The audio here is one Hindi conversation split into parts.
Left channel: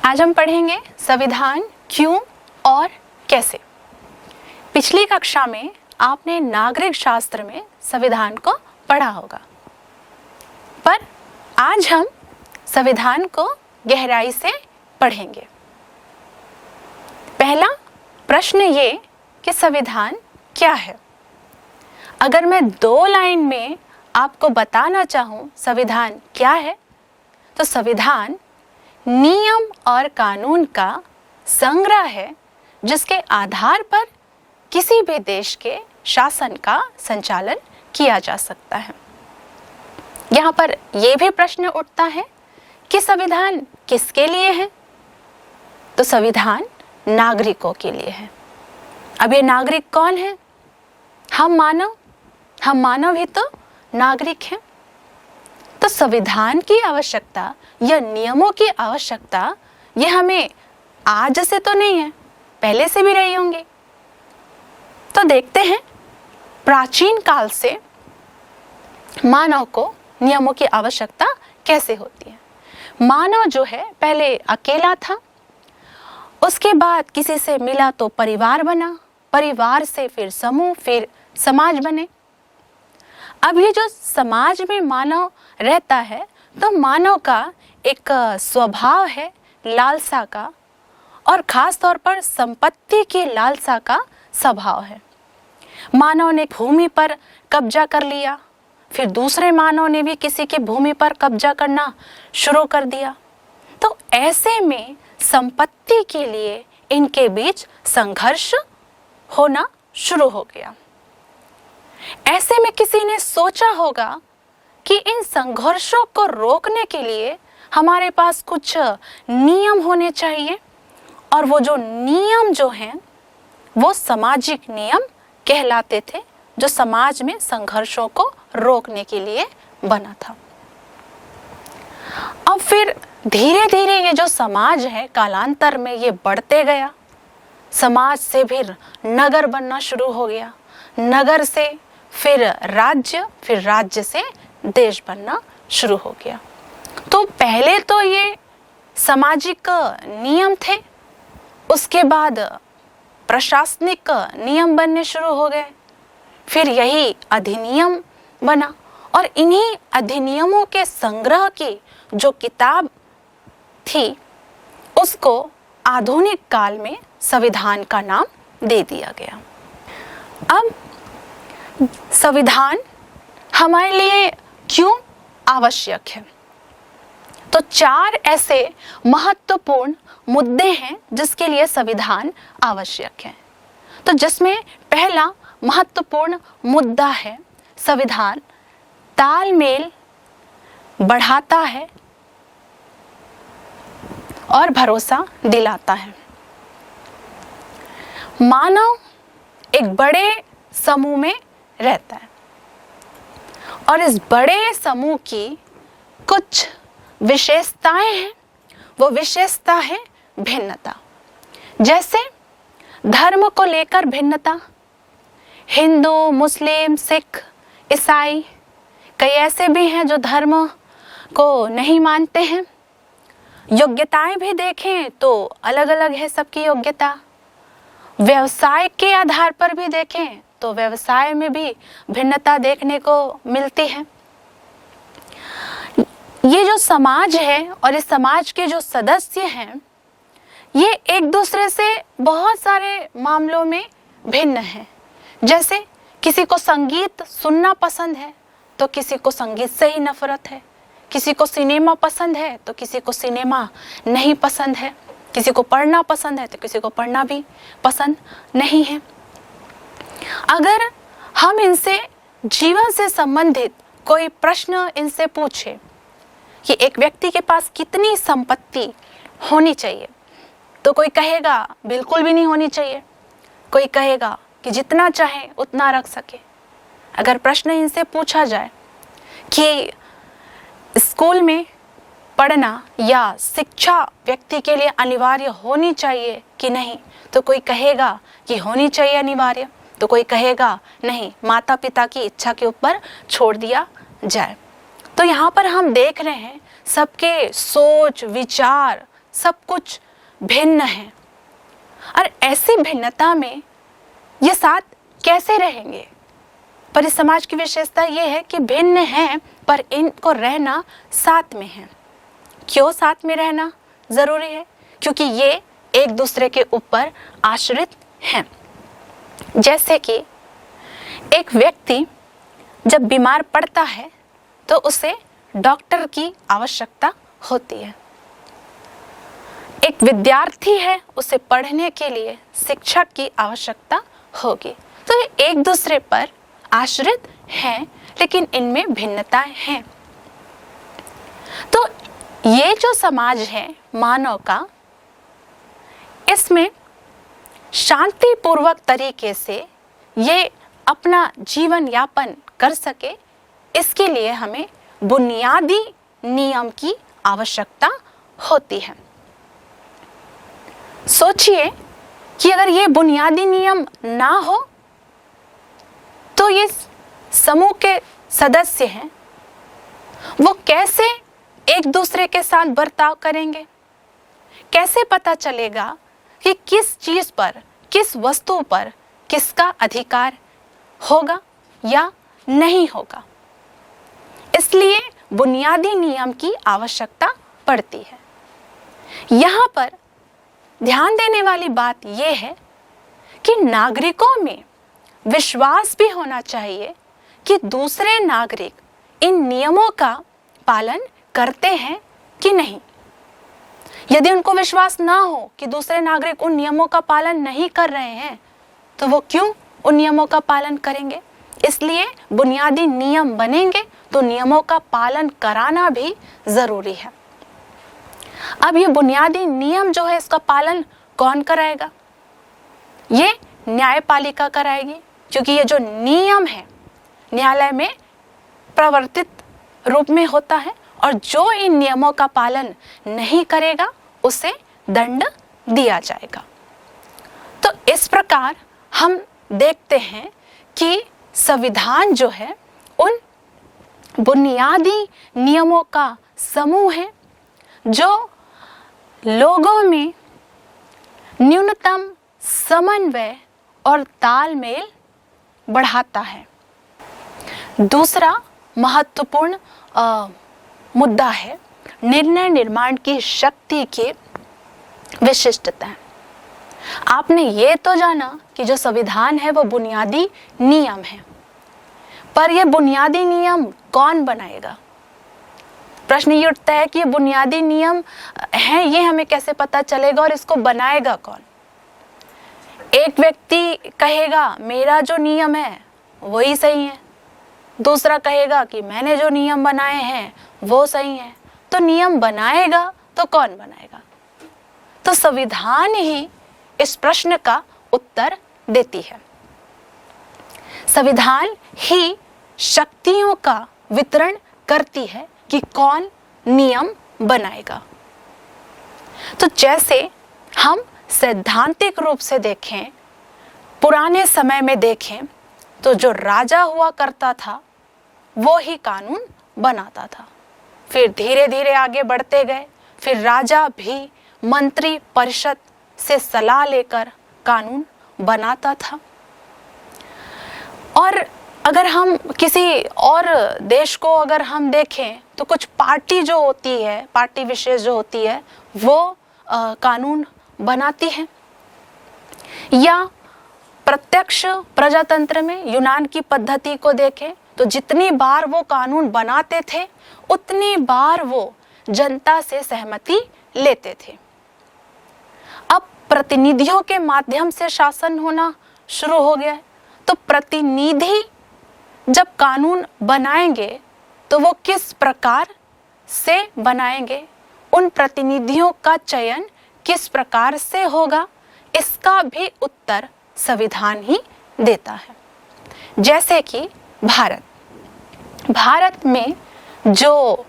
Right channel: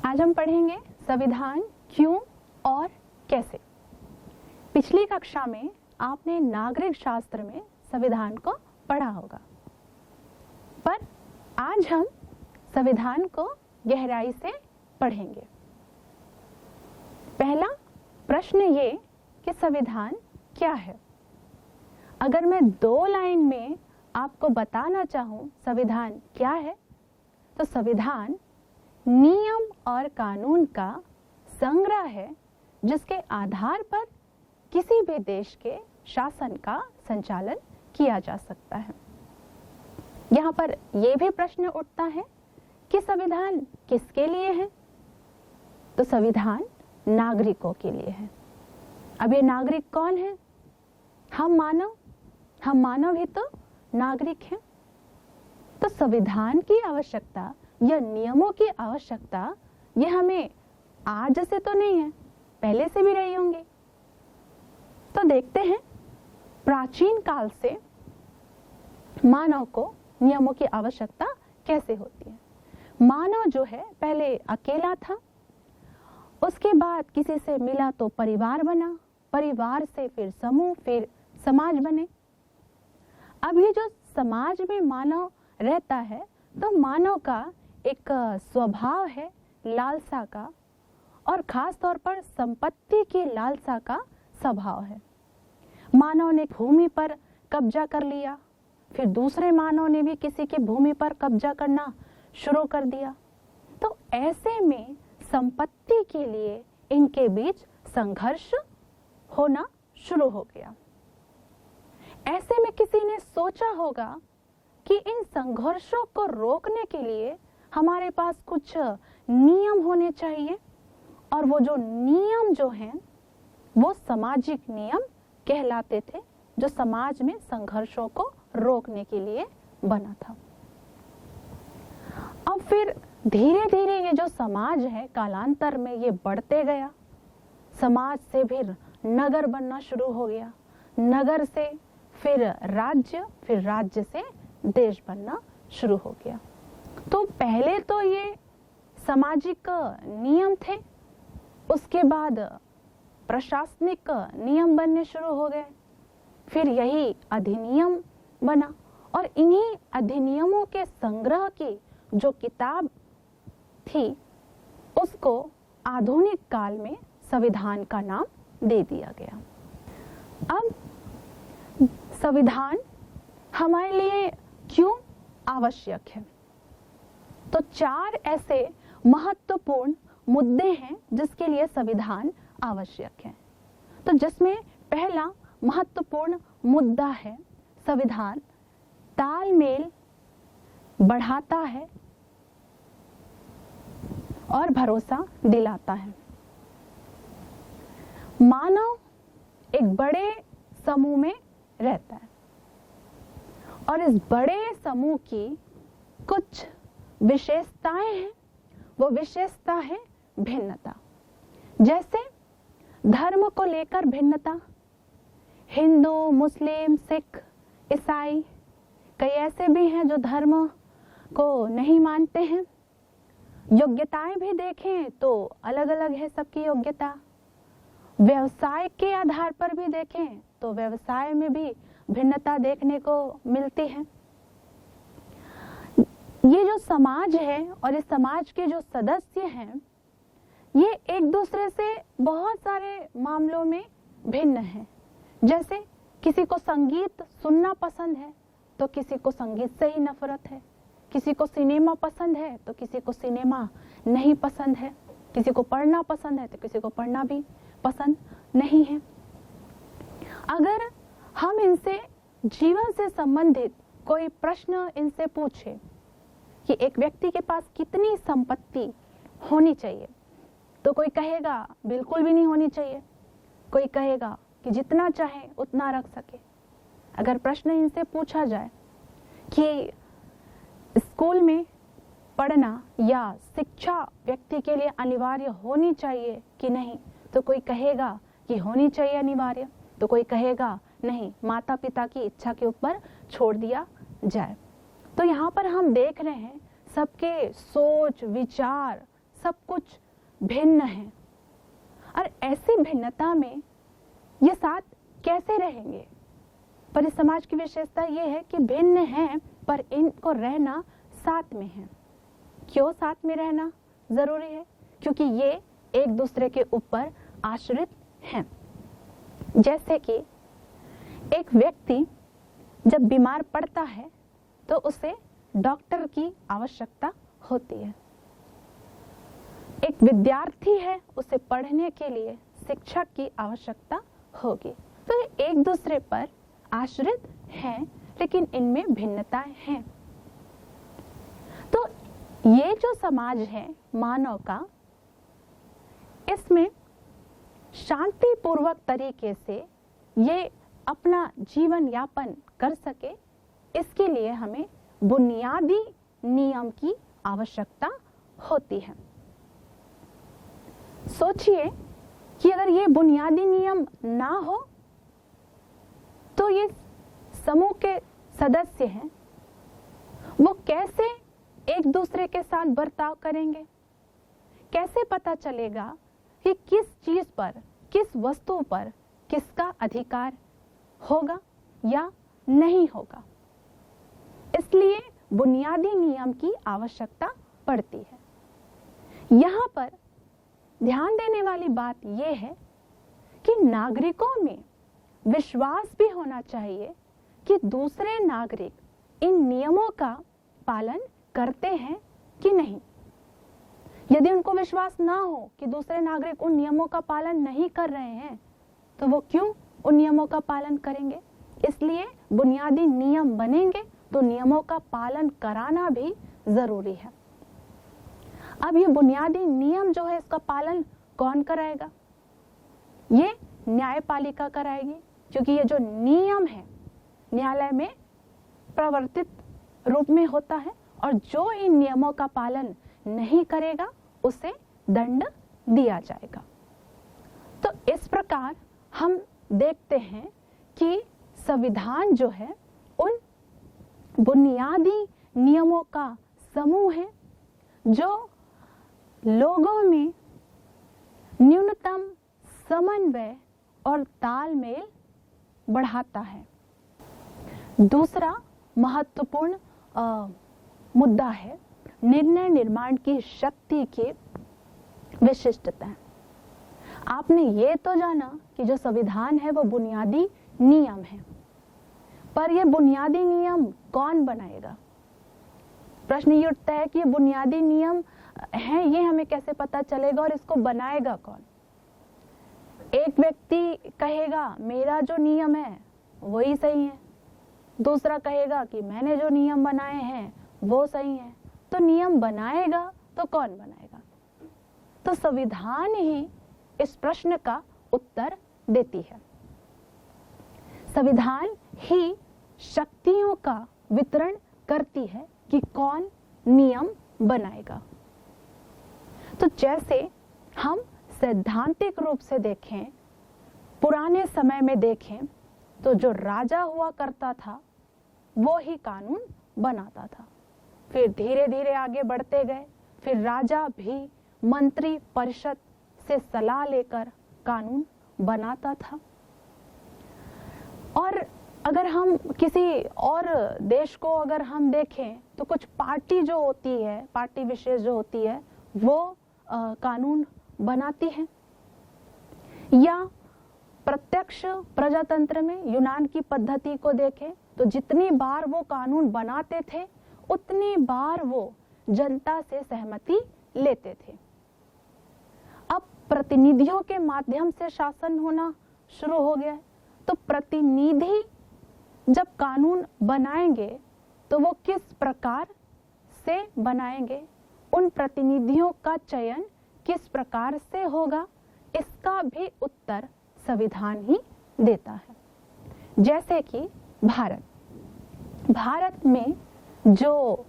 आज हम पढ़ेंगे संविधान क्यों और कैसे। पिछली कक्षा में आपने नागरिक शास्त्र में संविधान को पढ़ा होगा, पर आज हम संविधान को गहराई से पढ़ेंगे। पहला प्रश्न ये कि संविधान क्या है। अगर मैं 2 लाइन में आपको बताना चाहूं संविधान क्या है, तो संविधान नियम और कानून का संग्रह है जिसके आधार पर किसी भी देश के शासन का संचालन किया जा सकता है। यहाँ पर यह भी प्रश्न उठता है कि संविधान किसके लिए है, तो संविधान नागरिकों के लिए है। अब ये नागरिक कौन है? हम मानव ही तो नागरिक हैं। तो संविधान की आवश्यकता या नियमों की आवश्यकता ये हमें आज से तो नहीं है, पहले से भी रही होंगी। तो देखते हैं प्राचीन काल से मानव को नियमों की आवश्यकता कैसे होती है। मानव जो है पहले अकेला था, उसके बाद किसी से मिला तो परिवार बना, परिवार से फिर समूह, फिर समाज बने। अब ये जो समाज में मानव रहता है, तो मानव का एक स्वभाव है लालसा का, और खास तौर पर संपत्ति की लालसा का स्वभाव है। मानव ने भूमि पर कब्जा कर लिया, फिर दूसरे मानव ने भी किसी की भूमि पर कब्जा करना शुरू कर दिया। तो ऐसे में संपत्ति के लिए इनके बीच संघर्ष होना शुरू हो गया। ऐसे में किसी ने सोचा होगा कि इन संघर्षों को रोकने के लिए हमारे पास कुछ नियम होने चाहिए, और वो जो नियम जो हैं वो सामाजिक नियम कहलाते थे, जो समाज में संघर्षों को रोकने के लिए बना था। अब फिर धीरे धीरे ये जो समाज है कालांतर में ये बढ़ते गया। समाज से फिर नगर बनना शुरू हो गया, नगर से फिर राज्य, फिर राज्य से देश बनना शुरू हो गया। तो पहले तो ये सामाजिक नियम थे, उसके बाद प्रशासनिक नियम बनने शुरू हो गए, फिर यही अधिनियम बना, और इन्हीं अधिनियमों के संग्रह की जो किताब थी उसको आधुनिक काल में संविधान का नाम दे दिया गया। अब संविधान हमारे लिए क्यों आवश्यक है, तो 4 ऐसे महत्वपूर्ण मुद्दे हैं जिसके लिए संविधान आवश्यक है। तो जिसमें पहला महत्वपूर्ण मुद्दा है, संविधान तालमेल बढ़ाता है और भरोसा दिलाता है। मानव एक बड़े समूह में रहता है, और इस बड़े समूह की कुछ विशेषताएं हैं। वो विशेषता है भिन्नता। जैसे धर्म को लेकर भिन्नता, हिंदू, मुस्लिम, सिख, ईसाई, कई ऐसे भी हैं जो धर्म को नहीं मानते हैं। योग्यताएं भी देखें तो अलग अलग है सबकी योग्यता। व्यवसाय के आधार पर भी देखें तो व्यवसाय में भी भिन्नता देखने को मिलती है। ये जो समाज है और इस समाज के जो सदस्य हैं, ये एक दूसरे से बहुत सारे मामलों में भिन्न हैं। जैसे किसी को संगीत सुनना पसंद है तो किसी को संगीत से ही नफरत है, किसी को सिनेमा पसंद है तो किसी को सिनेमा नहीं पसंद है, किसी को पढ़ना पसंद है तो किसी को पढ़ना भी पसंद नहीं है। अगर हम इनसे जीवन से संबंधित कोई प्रश्न इनसे पूछे कि एक व्यक्ति के पास कितनी संपत्ति होनी चाहिए, तो कोई कहेगा बिल्कुल भी नहीं होनी चाहिए, कोई कहेगा कि जितना चाहे उतना रख सके। अगर प्रश्न इनसे पूछा जाए कि स्कूल में पढ़ना या शिक्षा व्यक्ति के लिए अनिवार्य होनी चाहिए कि नहीं, तो कोई कहेगा कि होनी चाहिए अनिवार्य, तो कोई कहेगा नहीं, माता पिता की इच्छा के ऊपर छोड़ दिया जाए। तो यहाँ पर हम देख रहे हैं सबके सोच, विचार, सब कुछ भिन्न है, और ऐसी भिन्नता में ये साथ कैसे रहेंगे? पर इस समाज की विशेषता ये है कि भिन्न हैं पर इनको रहना साथ में है। क्यों साथ में रहना जरूरी है? क्योंकि ये एक दूसरे के ऊपर आश्रित हैं। जैसे कि एक व्यक्ति जब बीमार पड़ता है तो उसे डॉक्टर की आवश्यकता होती है। एक विद्यार्थी है, उसे पढ़ने के लिए शिक्षक की आवश्यकता होगी। तो ये एक दूसरे पर आश्रित हैं, लेकिन इनमें भिन्नताएं हैं। तो ये जो समाज है मानव का, इसमें शांतिपूर्वक तरीके से ये अपना जीवन यापन कर सके, इसके लिए हमें बुनियादी नियम की आवश्यकता होती है। सोचिए कि अगर ये बुनियादी नियम ना हो तो ये समूह के सदस्य हैं, वो कैसे एक दूसरे के साथ बर्ताव करेंगे? कैसे पता चलेगा कि किस चीज पर, किस वस्तु पर किसका अधिकार होगा या नहीं होगा? इसलिए बुनियादी नियम की आवश्यकता पड़ती है। यहाँ पर ध्यान देने वाली बात यह है कि नागरिकों में विश्वास भी होना चाहिए कि दूसरे नागरिक इन नियमों का पालन करते हैं कि नहीं। यदि उनको विश्वास ना हो कि दूसरे नागरिक उन नियमों का पालन नहीं कर रहे हैं, तो वो क्यों उन नियमों का पालन करेंगे? इसलिए बुनियादी नियम बनेंगे तो नियमों का पालन कराना भी जरूरी है। अब ये बुनियादी नियम जो है, इसका पालन कौन कराएगा? ये न्यायपालिका कराएगी, क्योंकि ये जो नियम है न्यायालय में प्रवर्तित रूप में होता है, और जो इन नियमों का पालन नहीं करेगा उसे दंड दिया जाएगा। तो इस प्रकार हम देखते हैं कि संविधान जो है उन बुनियादी नियमों का समूह है जो लोगों में न्यूनतम समन्वय और तालमेल बढ़ाता है। दूसरा महत्वपूर्ण मुद्दा है निर्णय निर्माण की शक्ति की विशिष्टता। आपने ये तो जाना कि जो संविधान है वो बुनियादी नियम है, पर ये बुनियादी नियम कौन बनाएगा? प्रश्न ये उठता है कि ये बुनियादी नियम हैं, ये हमें कैसे पता चलेगा और इसको बनाएगा कौन? एक व्यक्ति कहेगा मेरा जो नियम है वही सही है, दूसरा कहेगा कि मैंने जो नियम बनाए हैं वो सही है। तो नियम बनाएगा तो कौन बनाएगा? तो संविधान ही इस प्रश्न का उत्तर देती है। संविधान ही शक्तियों का वितरण करती है कि कौन नियम बनाएगा। तो जैसे हम सैद्धांतिक रूप से देखें, पुराने समय में देखें, तो जो राजा हुआ करता था वो ही कानून बनाता था। फिर धीरे धीरे आगे बढ़ते गए, फिर राजा भी मंत्री परिषद से सलाह लेकर कानून बनाता था। और अगर हम किसी और देश को अगर हम देखें तो कुछ पार्टी जो होती है, पार्टी विशेष जो होती है, वो कानून बनाती है। या प्रत्यक्ष प्रजातंत्र में यूनान की पद्धति को देखें तो जितनी बार वो कानून बनाते थे उतनी बार वो जनता से सहमति लेते थे। अब प्रतिनिधियों के माध्यम से शासन होना शुरू हो गया है, तो प्रतिनिधि जब कानून बनाएंगे तो वो किस प्रकार से बनाएंगे, उन प्रतिनिधियों का चयन किस प्रकार से होगा, इसका भी उत्तर संविधान ही देता है। जैसे कि भारत में जो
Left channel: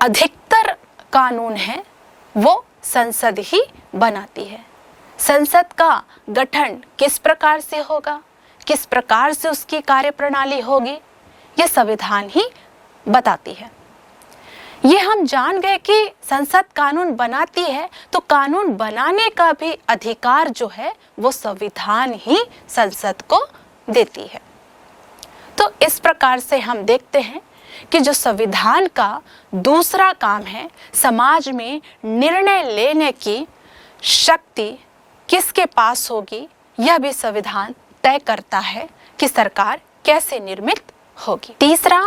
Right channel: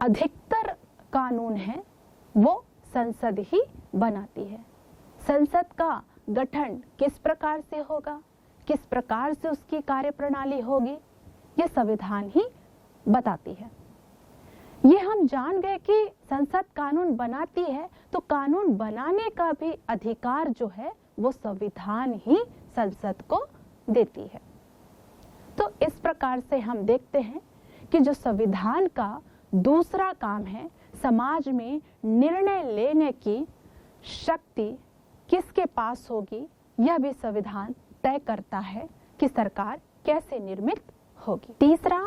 अधिकतर कानून है वो संसद ही बनाती है। संसद का गठन किस प्रकार से होगा, किस प्रकार से उसकी कार्यप्रणाली होगी, यह संविधान ही बताती है। ये हम जान गए कि संसद कानून बनाती है, तो कानून बनाने का भी अधिकार जो है वो संविधान ही संसद को देती है। तो इस प्रकार से हम देखते हैं कि जो संविधान का दूसरा काम है, समाज में निर्णय लेने की शक्ति किसके पास होगी, यह भी संविधान तय करता है कि सरकार कैसे निर्मित होगी। तीसरा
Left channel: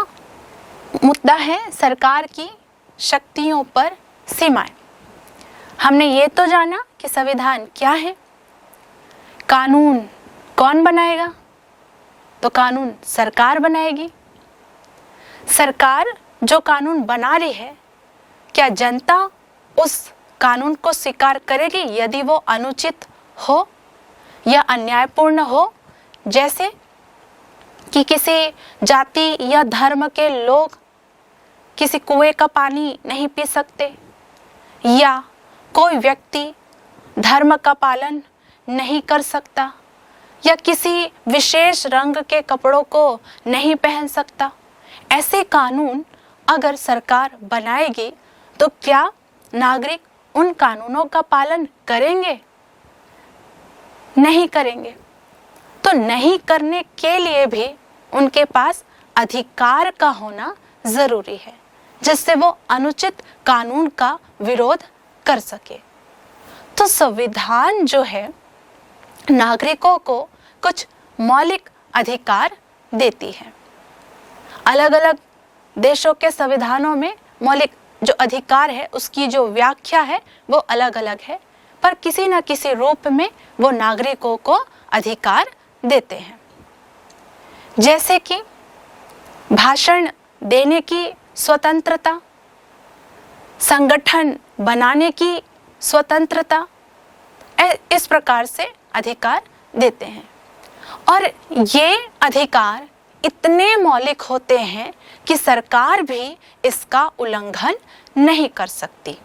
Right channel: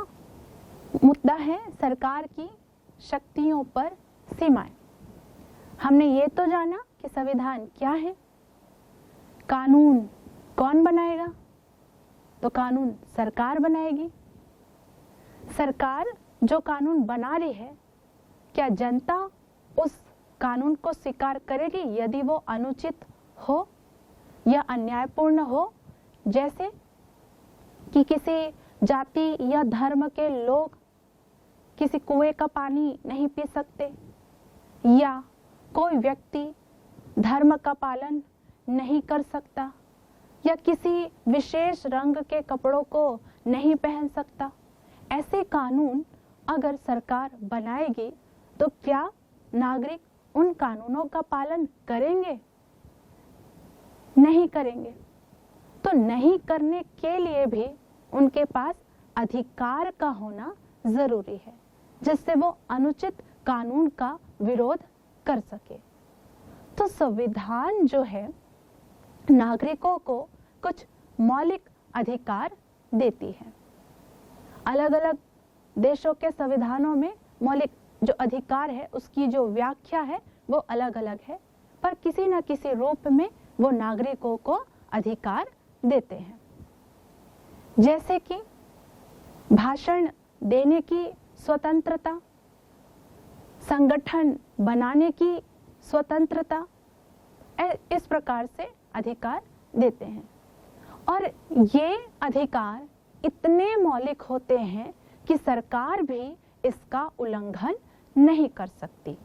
मुद्दा है सरकार की शक्तियों पर सीमाएं। हमने ये तो जाना कि संविधान क्या है, कानून कौन बनाएगा, तो कानून सरकार बनाएगी। सरकार जो कानून बना रही है, क्या जनता उस कानून को स्वीकार करेगी यदि वो अनुचित हो या अन्यायपूर्ण हो, जैसे कि किसी जाति या धर्म के लोग किसी कुएं का पानी नहीं पी सकते, या कोई व्यक्ति धर्म का पालन नहीं कर सकता, या किसी विशेष रंग के कपड़ों को नहीं पहन सकता। ऐसे कानून अगर सरकार बनाएगी तो क्या नागरिक उन कानूनों का पालन करेंगे? नहीं करेंगे। तो नहीं करने के लिए भी उनके पास अधिकार का होना जरूरी है, जिससे वो अनुचित कानून का विरोध कर सके। तो संविधान जो है नागरिकों को कुछ मौलिक अधिकार देती है। अलग अलग देशों के संविधानों में मौलिक जो अधिकार है उसकी जो व्याख्या है वो अलग अलग है, पर किसी न किसी रूप में वो नागरिकों को अधिकार देते हैं। जैसे कि भाषण देने की स्वतंत्रता, संगठन बनाने की स्वतंत्रता, इस प्रकार से अधिकार देते हैं। और ये अधिकार इतने मौलिक होते हैं कि सरकार भी इसका उल्लंघन नहीं कर सकती।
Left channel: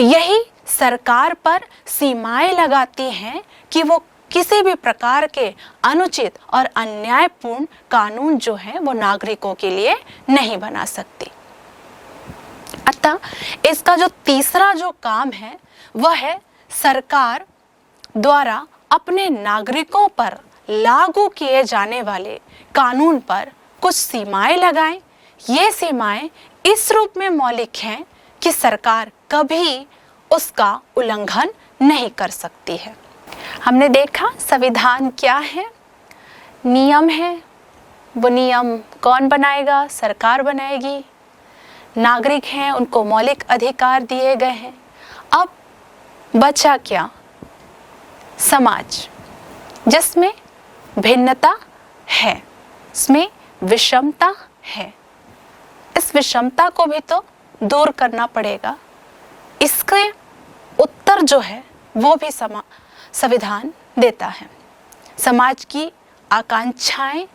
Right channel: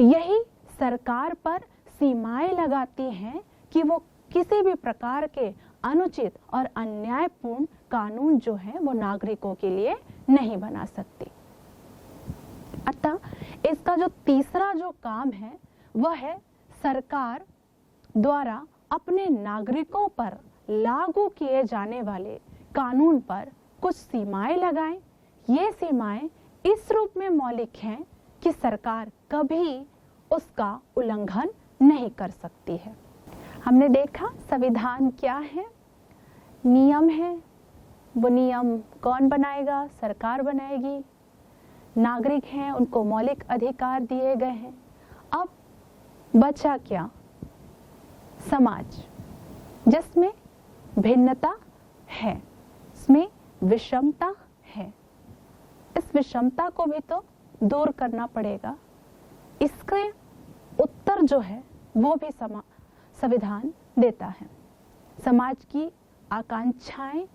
यही सरकार पर सीमाएं लगाती हैं कि वो किसी भी प्रकार के अनुचित और अन्यायपूर्ण कानून जो है वो नागरिकों के लिए नहीं बना सकती। अतः इसका जो तीसरा जो काम है वह है सरकार द्वारा अपने नागरिकों पर लागू किए जाने वाले कानून पर कुछ सीमाएं लगाएं। ये सीमाएं इस रूप में मौलिक हैं कि सरकार कभी उसका उल्लंघन नहीं कर सकती है। हमने देखा संविधान क्या है, नियम है, वो नियम कौन बनाएगा, सरकार बनाएगी। नागरिक हैं, उनको मौलिक अधिकार दिए गए हैं। अब बचा क्या? समाज, जिसमें भिन्नता है, इसमें विषमता है। इस विषमता को भी तो दूर करना पड़ेगा। इसके उत्तर जो है वो भी संविधान देता है। समाज की आकांक्षाएं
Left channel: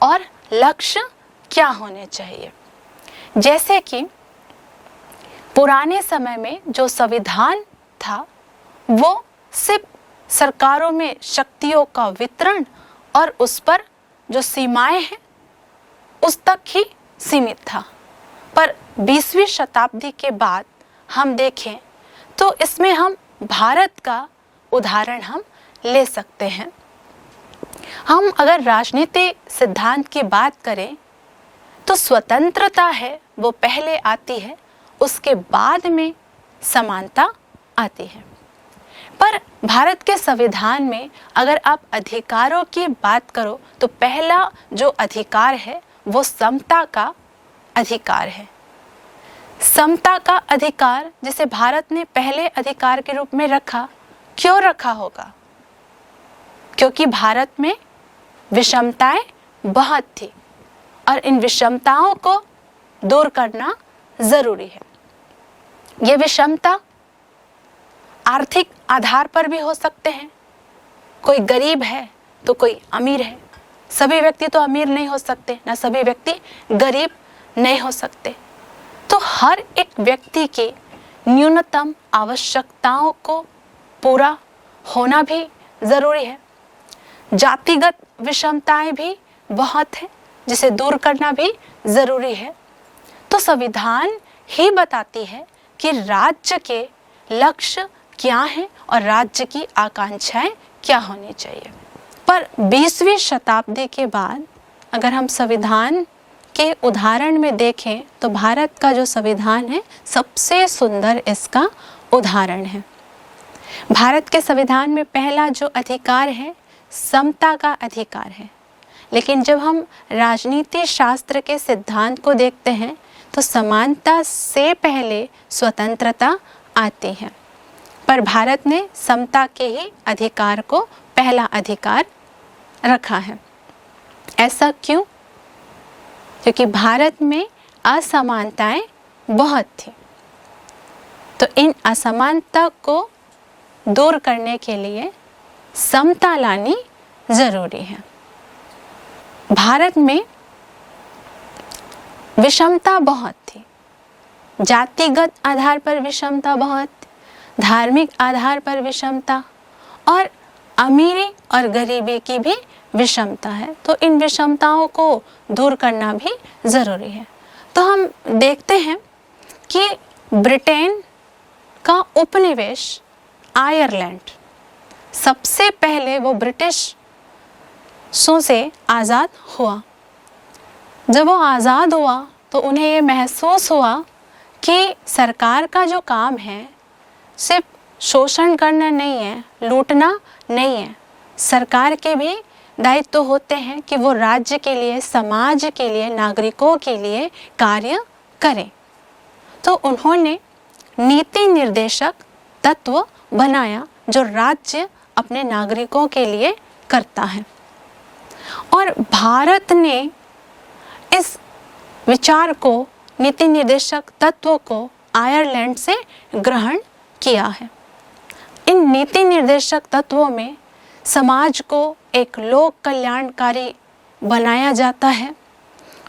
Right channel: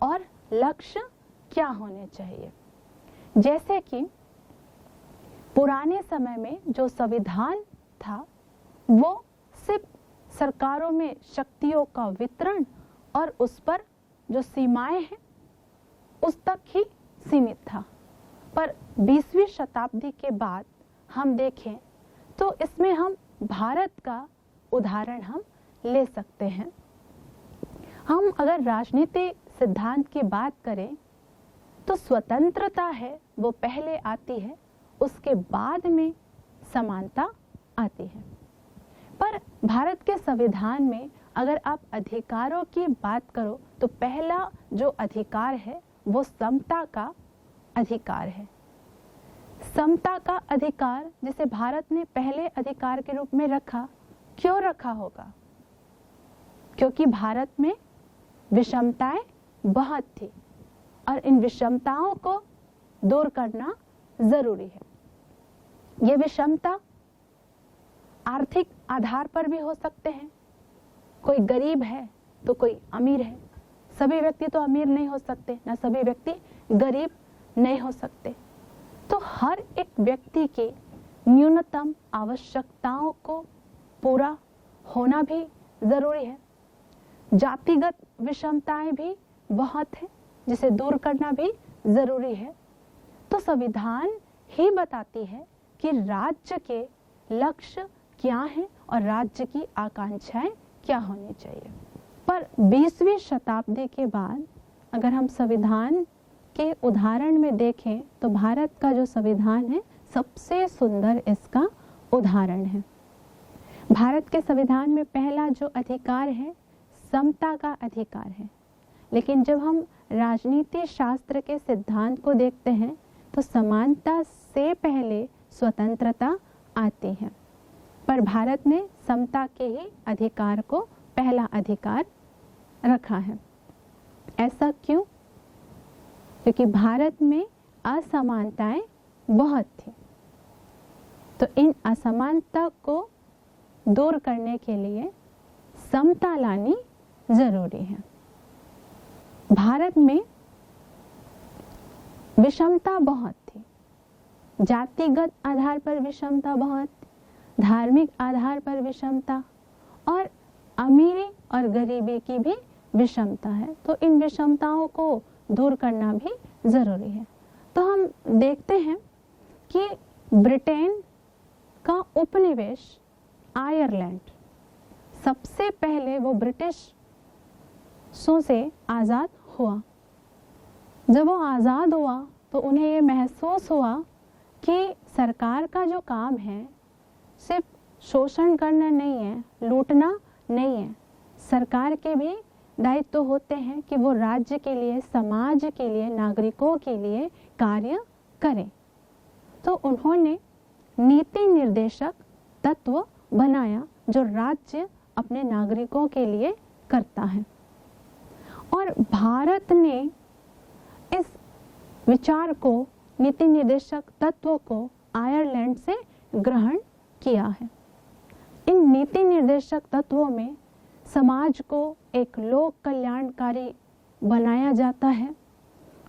और लक्ष्य क्या होने चाहिए। जैसे कि पुराने समय में जो संविधान था वो सिर्फ सरकारों में शक्तियों का वितरण और उस पर जो सीमाएं हैं उस तक ही सीमित था। पर 20वीं शताब्दी के बाद हम देखें तो इसमें हम भारत का उदाहरण हम ले सकते हैं। हम अगर राजनीति सिद्धांत की बात करें तो स्वतंत्रता है वो पहले आती है, उसके बाद में समानता आती है। पर भारत के संविधान में अगर आप अधिकारों की बात करो तो पहला जो अधिकार है वो समता का अधिकार है। समता का अधिकार जिसे भारत ने पहले अधिकार के रूप में रखा, क्यों रखा होगा? क्योंकि भारत में विषमताएं बहुत थी और इन विषमताओं को दूर करना जरूरी है। ये विषमता आर्थिक आधार पर भी हो सकते हैं। कोई गरीब है तो कोई अमीर है। सभी व्यक्ति तो अमीर नहीं हो सकते, ना सभी व्यक्ति गरीब नहीं हो सकते। तो हर एक व्यक्ति की न्यूनतम आवश्यकताओं को पूरा होना भी जरूरी है। जातिगत विषमताएं भी बहुत हैं जिसे दूर करना भी जरूरी है। तो संविधान ही बताती है कि राज्य के लक्ष्य क्या हैं और राज्य की आकांक्षाएं क्या होनी चाहिए। पर 20वीं शताब्दी के बाद अगर हम संविधान के उदाहरण में देखें तो भारत का जो संविधान है सबसे सुंदर इसका उदाहरण है। भारत के संविधान में पहला जो अधिकार है समता का अधिकार है, लेकिन जब हम राजनीति शास्त्र के सिद्धांत को देखते हैं तो समानता से पहले स्वतंत्रता आती है। पर भारत ने समता के ही अधिकार को पहला अधिकार रखा है। ऐसा क्यों? क्योंकि भारत में असमानताएं बहुत थी, तो इन असमानता को दूर करने के लिए समता लानी जरूरी है। भारत में विषमता बहुत थी, जातिगत आधार पर विषमता बहुत, धार्मिक आधार पर विषमता और अमीरी और गरीबी की भी विषमता है। तो इन विषमताओं को दूर करना भी ज़रूरी है। तो हम देखते हैं कि ब्रिटेन का उपनिवेश आयरलैंड सबसे पहले वो ब्रिटिशों से आज़ाद हुआ। जब वो आज़ाद हुआ तो उन्हें ये महसूस हुआ कि सरकार का जो काम है सिर्फ शोषण करना नहीं है, लूटना नहीं है। सरकार के भी दायित्व होते हैं कि वो राज्य के लिए, समाज के लिए, नागरिकों के लिए कार्य करें। तो उन्होंने नीति निर्देशक तत्व बनाया जो राज्य अपने नागरिकों के लिए करता है। और भारत ने इस विचार को, नीति निर्देशक तत्वों को आयरलैंड से ग्रहण किया है। इन नीति निर्देशक तत्वों में समाज को एक लोक कल्याणकारी बनाया जाता है।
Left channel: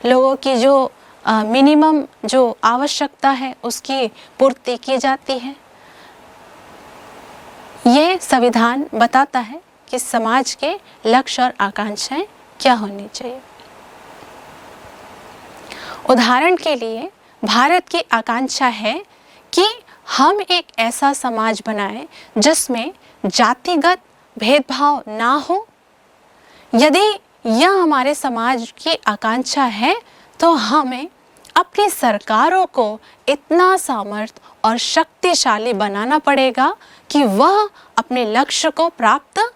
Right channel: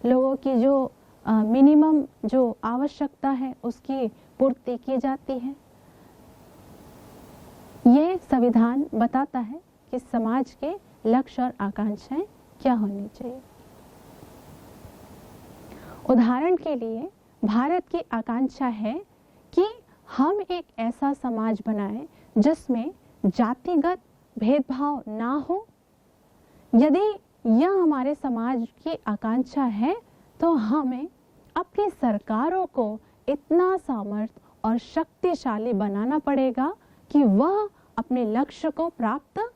लोगों की जो मिनिमम जो आवश्यकता है उसकी पूर्ति की जाती है। ये संविधान बताता है कि समाज के लक्ष्य और आकांक्षाएं क्या होनी चाहिए। उदाहरण के लिए भारत की आकांक्षा है कि हम एक ऐसा समाज बनाएं जिसमें जातिगत भेदभाव ना हो। यदि यह हमारे समाज की आकांक्षा है तो हमें अपनी सरकारों को इतना सामर्थ्य और शक्तिशाली बनाना पड़ेगा कि वह अपने लक्ष्य को प्राप्त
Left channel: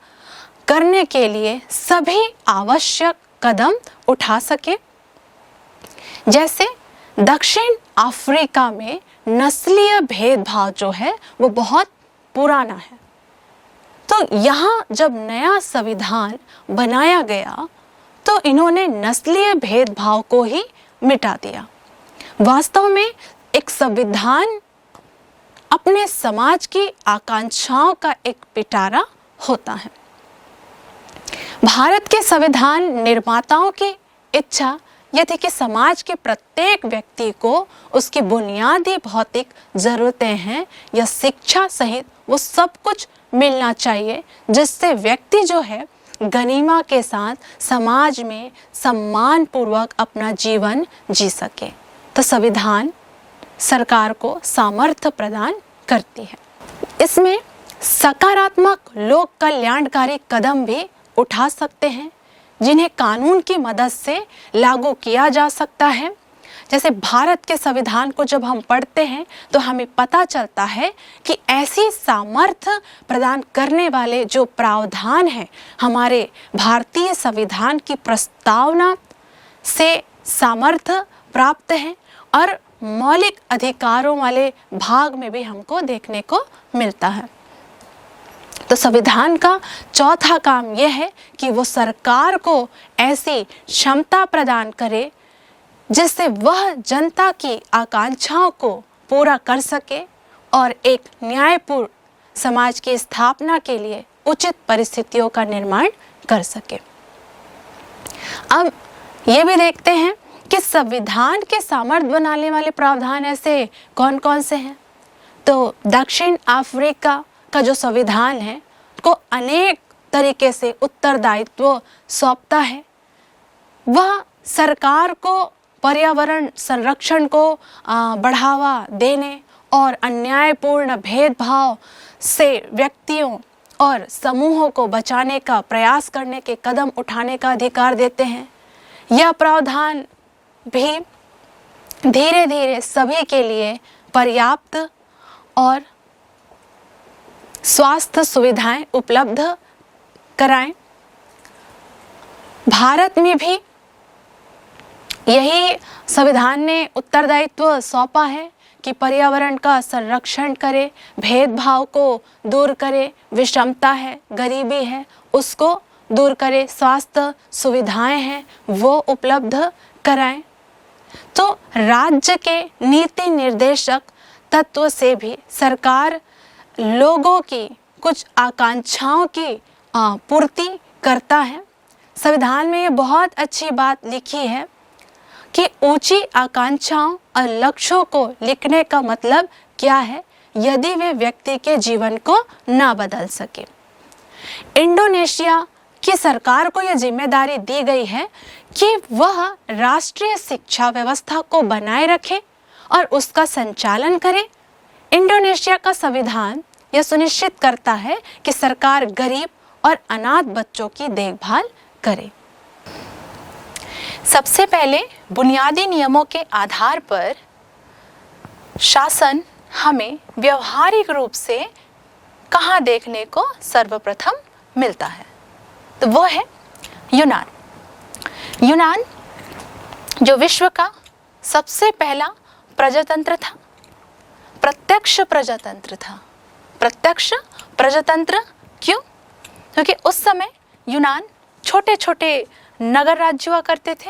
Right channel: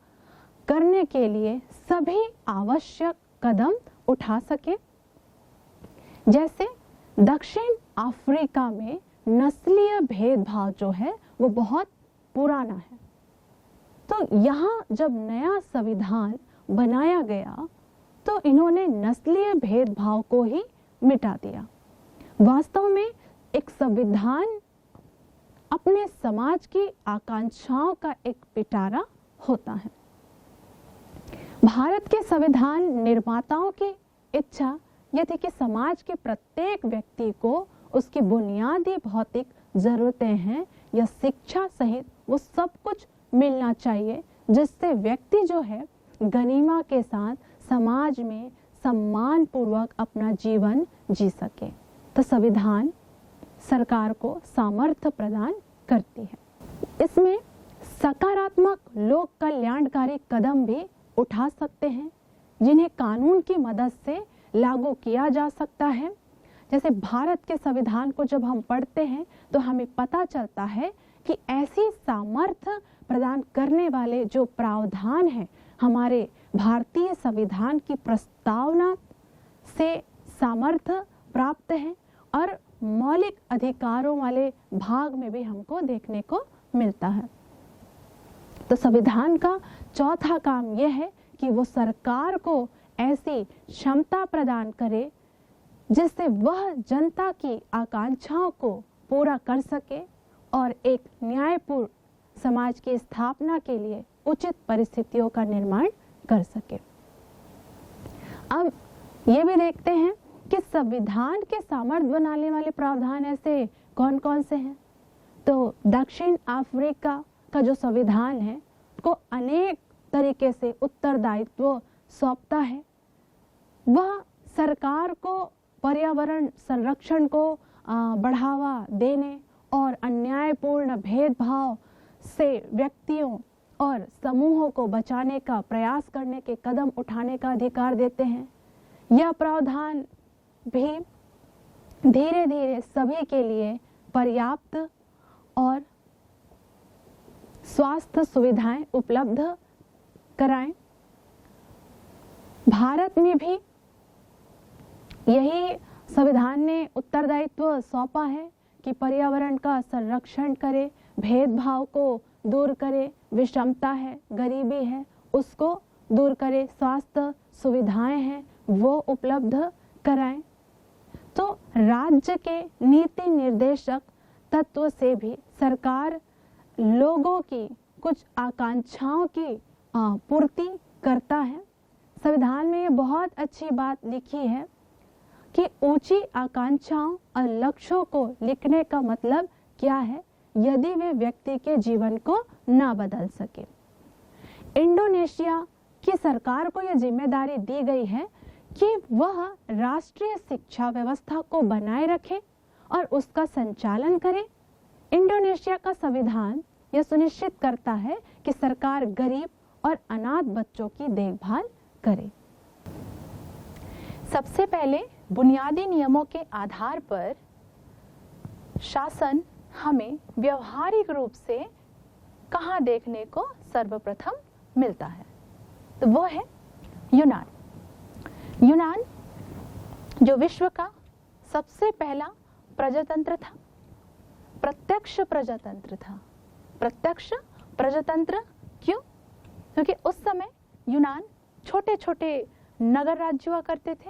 करने के लिए सभी आवश्यक कदम उठा सके। जैसे दक्षिण अफ्रीका में नस्लीय भेदभाव जो है वो बहुत पुराना है। तो यहाँ जब नया संविधान बनाया गया तो इन्होंने नस्लीय भेदभाव को ही मिटा दिया। वास्तव में एक संविधान अपने समाज की आकांक्षाओं का एक पिटारा होता है। भारत के संविधान निर्माताओं की इच्छा यह थी कि समाज के प्रत्येक व्यक्ति को उसकी बुनियादी भौतिक ज़रूरतें हैं या शिक्षा सहित वो सब कुछ मिलना चाहिए, जिससे व्यक्ति जो है गनीमा के साथ समाज में सम्मान पूर्वक अपना जीवन जी सके। तो संविधान सरकार को सामर्थ्य प्रदान करती है। इसमें सकारात्मक लोक कल्याणकारी कदम भी उठा सकते हैं जिन्हें कानून की मदद से लागू किया जा सकता है। जैसे भारत के संविधान को जब हम पढ़ते हैं तो हमें पता चलता है कि ऐसी सामर्थ्य प्रदान करने वाले जो प्रावधान हैं हमारे भारतीय संविधान की प्रस्तावना से सामर्थ्य प्राप्त है और मौलिक अधिकारों वाले भाग में भी हमको देखने को मिलता है। तो संविधान का चौथा काम यह है कि वो सरकार को ऐसी क्षमता प्रदान करे जिससे वह जनता की आकांक्षाओं को पूरा कर सके और एक न्यायपूर्ण समाज की स्थापना के लिए उचित परिस्थितियों का निर्माण कर सके। अब ये भी देखते हैं कि संविधान के सामर्थ्य बनाने वाले प्रावधान ऐसे कौन कौन से हैं। तो दक्षिण अफ्रीका का जो संविधान है को अनेक तरीके से उत्तरदायित्व सौंपता है। वह सरकार को पर्यावरण संरक्षण को बढ़ावा देने और अन्यायपूर्ण भेदभाव से व्यक्तियों और समूहों को बचाने का प्रयास करने के कदम उठाने का अधिकार देते हैं। यह प्रावधान भी धीरे धीरे सभी के लिए पर्याप्त और स्वास्थ्य सुविधाएं उपलब्ध कराएं। भारत में भी यही संविधान ने उत्तरदायित्व सौंपा है कि पर्यावरण का संरक्षण करे, भेदभाव को दूर करे, विषमता है, गरीबी है उसको दूर करे, स्वास्थ्य सुविधाएं हैं वो उपलब्ध कराएं। तो राज्य के नीति निर्देशक तत्व से भी सरकार लोगों की कुछ आकांक्षाओं की पूर्ति करता है। संविधान में ये बहुत अच्छी बात लिखी है कि ऊंची आकांक्षाओं और लक्ष्यों को लिखने का मतलब क्या है यदि वे व्यक्ति के जीवन को ना बदल सके। इंडोनेशिया की सरकार को यह जिम्मेदारी दी गई है कि वह राष्ट्रीय शिक्षा व्यवस्था को बनाए रखे और उसका संचालन करे। इंडोनेशिया का संविधान यह सुनिश्चित करता है कि सरकार गरीब और अनाथ बच्चों की देखभाल करे। सबसे पहले बुनियादी नियमों के आधार पर शासन हमें व्यवहारिक रूप से कहाँ देखने को सर्वप्रथम मिलता है, तो वो है यूनान। यूनान जो विश्व का सबसे पहला प्रजातंत्र था, प्रत्यक्ष प्रजातंत्र था। प्रत्यक्ष प्रजातंत्र क्यों? क्योंकि उस समय यूनान छोटे छोटे नगर राज्य हुआ करते थे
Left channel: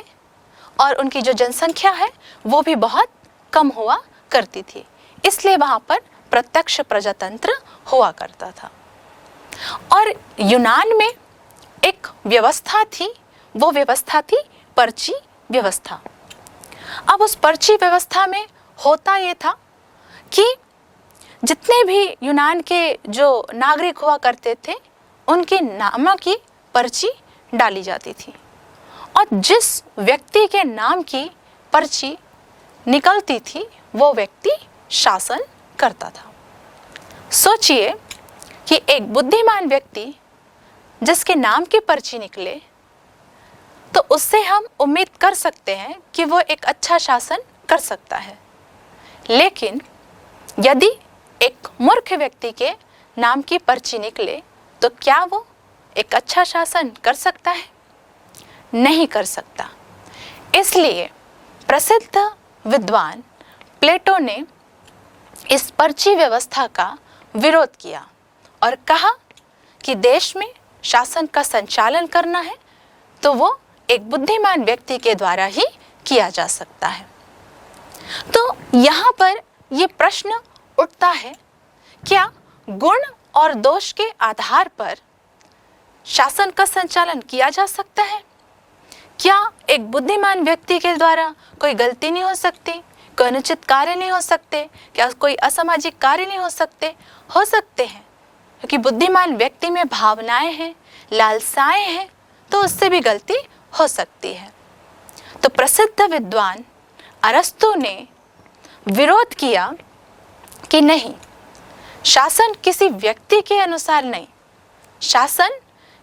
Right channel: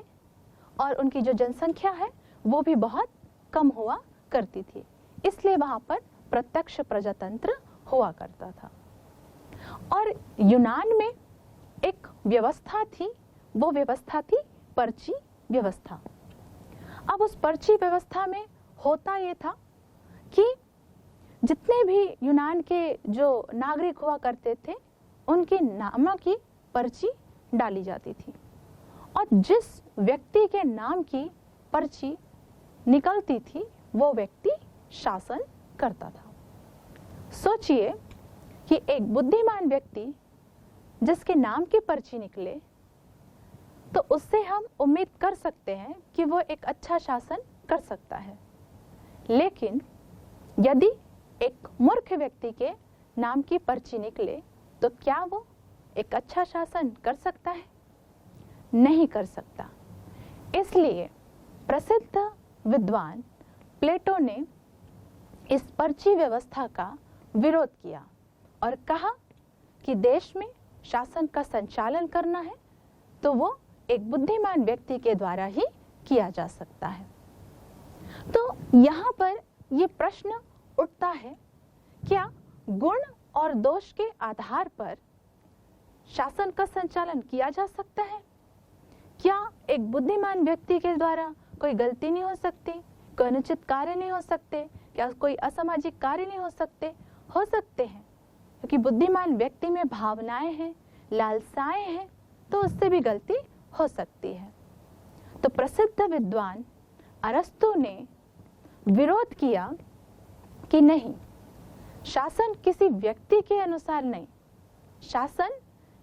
और उनकी जो जनसंख्या है वो भी बहुत कम हुआ करती थी, इसलिए वहाँ पर प्रत्यक्ष प्रजातंत्र हुआ करता था। और यूनान में एक व्यवस्था थी, वो व्यवस्था थी पर्ची व्यवस्था। अब उस पर्ची व्यवस्था में होता ये था कि जितने भी यूनान के जो नागरिक हुआ करते थे उनके नामों की पर्ची डाली जाती थी और जिस व्यक्ति के नाम की पर्ची निकलती थी वो व्यक्ति शासन करता था। सोचिए कि एक बुद्धिमान व्यक्ति जिसके नाम की पर्ची निकले तो उससे हम उम्मीद कर सकते हैं कि वो एक अच्छा शासन कर सकता है, लेकिन यदि एक मूर्ख व्यक्ति के नाम की पर्ची निकले तो क्या वो एक अच्छा शासन कर सकता है? नहीं कर सकता। इसलिए प्रसिद्ध विद्वान प्लेटो ने इस पर्ची व्यवस्था का विरोध किया और कहा कि देश में शासन का संचालन करना है तो वो एक बुद्धिमान व्यक्ति के द्वारा ही किया जा सकता है। तो यहाँ पर ये प्रश्न उठता है, क्या गुण और दोष के आधार पर शासन का संचालन किया जा सकता है? क्या एक बुद्धिमान व्यक्ति के द्वारा कोई गलती नहीं हो सकती, कोई अनुचित कार्य नहीं हो सकते, क्या कोई असामाजिक कार्य नहीं हो सकते? हो सकते हैं, क्योंकि बुद्धिमान व्यक्ति में भावनाएं हैं, लालसाएं हैं, तो उससे भी गलती हो सकती है। तो प्रसिद्ध विद्वान अरस्तु ने विरोध किया कि नहीं, शासन किसी व्यक्ति के अनुसार नहीं, शासन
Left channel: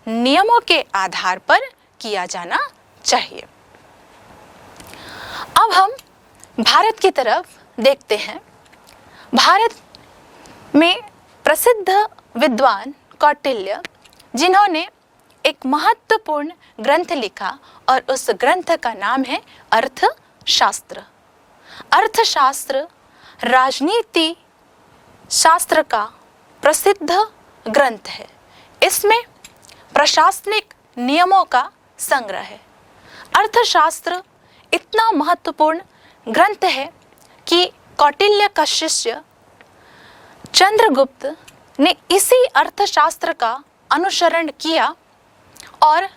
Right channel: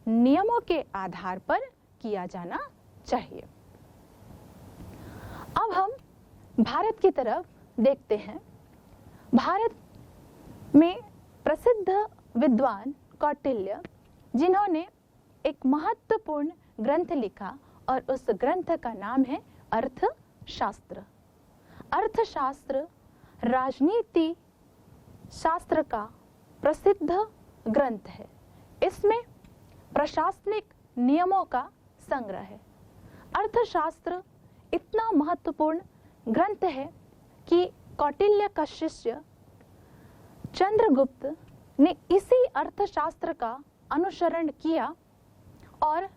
नियमों के आधार पर किया जाना चाहिए। अब हम भारत की तरफ देखते हैं। भारत में प्रसिद्ध विद्वान कौटिल्य, जिन्होंने एक महत्वपूर्ण ग्रंथ लिखा और उस ग्रंथ का नाम है अर्थशास्त्र। अर्थशास्त्र राजनीति शास्त्र का प्रसिद्ध ग्रंथ है। इसमें प्रशासनिक नियमों का संग्रह है। अर्थशास्त्र इतना महत्वपूर्ण ग्रंथ है कि कौटिल्य का शिष्य चंद्रगुप्त ने इसी अर्थशास्त्र का अनुसरण किया और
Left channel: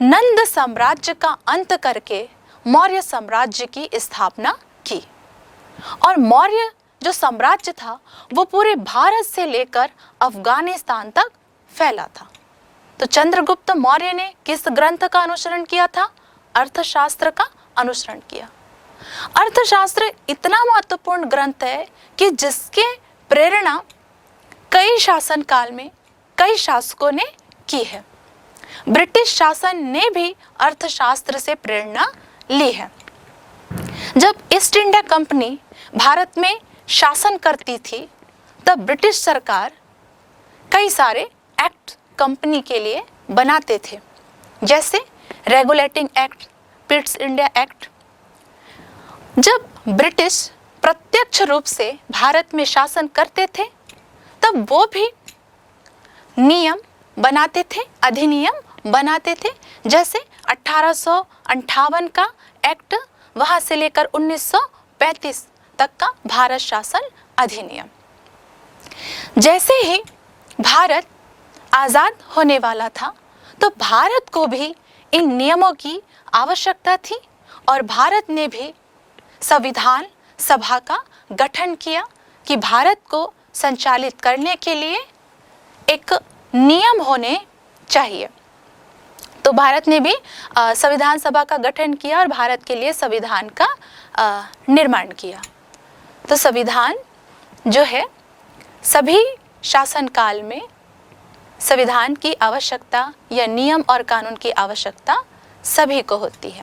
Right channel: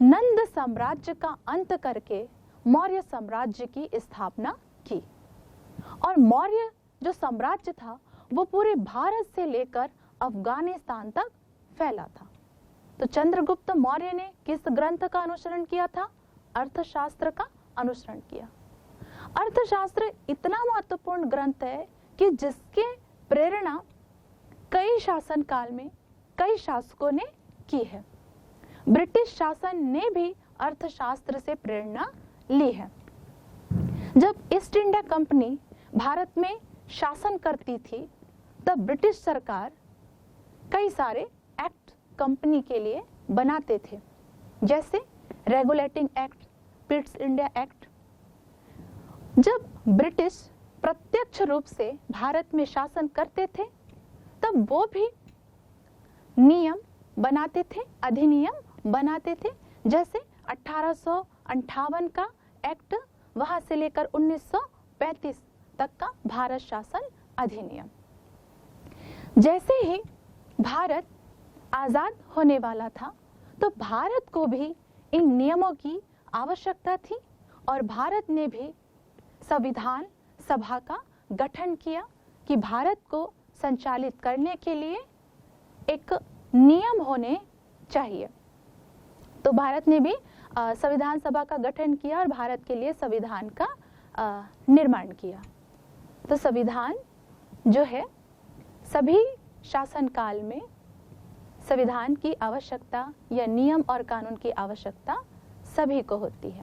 नंद साम्राज्य का अंत करके मौर्य साम्राज्य की स्थापना की। और मौर्य जो साम्राज्य था वो पूरे भारत से लेकर अफगानिस्तान तक फैला था। तो चंद्रगुप्त मौर्य ने किस ग्रंथ का अनुसरण किया था? अर्थशास्त्र का अनुसरण किया। अर्थशास्त्र इतना महत्वपूर्ण ग्रंथ है कि जिसके प्रेरणा कई शासन काल में कई शासकों ने की है। ब्रिटिश शासन ने भी अर्थशास्त्र से प्रेरणा ली है। जब ईस्ट इंडिया कंपनी भारत में शासन करती थी तब ब्रिटिश सरकार कई सारे एक्ट कंपनी के लिए बनाते थे, जैसे regulating act, Pitt's India act. जब ब्रिटिश प्रत्यक्ष रूप से भारत में शासन करते थे तब वो भी नियम बनाते थे, अधिनियम बनाते थे, जैसे 1858 का एक्ट, वहां से लेकर 1935 तक का भारत शासन अधिनियम। जैसे ही भारत आज़ाद होने वाला था तो भारत को भी इन नियमों की आवश्यकता थी और भारत ने भी संविधान सभा का गठन किया कि भारत को संचालित करने के लिए एक नियम होने चाहिए। तो भारत ने भी संविधान सभा का गठन किया और भारत के लिए संविधान का निर्माण किया। तो संविधान जो है, सभी शासन काल में संविधान की आवश्यकता या नियम और कानून की आवश्यकता सभी को होती है।